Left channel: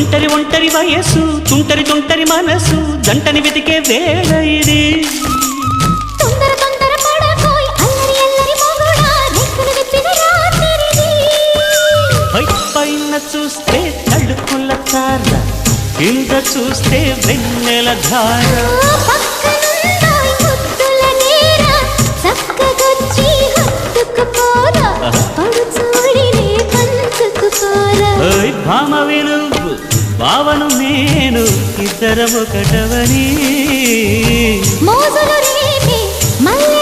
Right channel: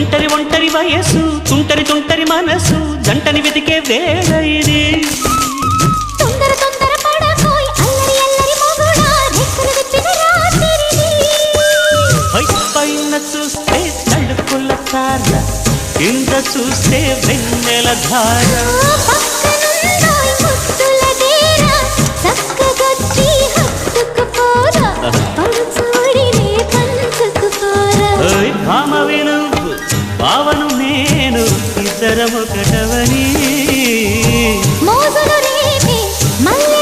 ఒంటరి ఒంటరి వయస్సు తుంటరి తుంటరి మనసు జంటని వెతికే వేళ ఇది తొందర తొందర పడకోయ్ అల్లరి అల్లరి మొగుడా రెక్కలు విప్పిన రాత్రిది పైన చూస్తే తడుకుల తార కింద చూస్తే వెన్నెల ధార పక్కనుందోయ్ ముద్దుల డేర చక్కగొచ్చి హత్తుకుపోరా పడుచూడినే పంచుకుపోరా ఓయ్ భామ విలువు భావను నేను ఇద్దరమొకటవని మోజులు రేపే మల్లె